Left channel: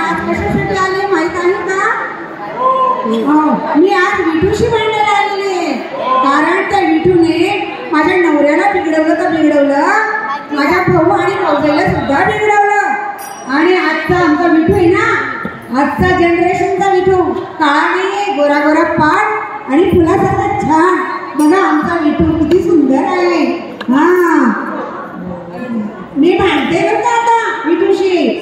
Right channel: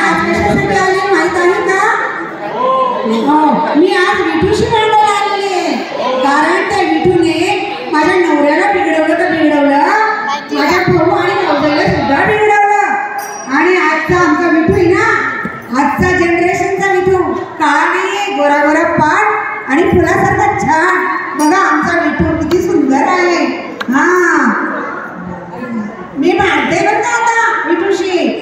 आज कशासाठी आले माहित आहे का? मी आज विठूशी भांडायला आलेली आहे. कारण त्या विठूने माझ्या नवऱ्याला बिघडवलं तर बिघडवलं, माझ्या भाऊ आणि भाऊजाईला सुद्धा बिघडवलं. आणि आजचा आमचा विठू आहे ना, आजचा जनरेशनचा विठू, काळा नाही, गोरा गोरा पाट आणि फुलासारखा छान. बघा आमचा विठू किती सुंदर आहे. हा मी भांडते बरं का आता विठूशी.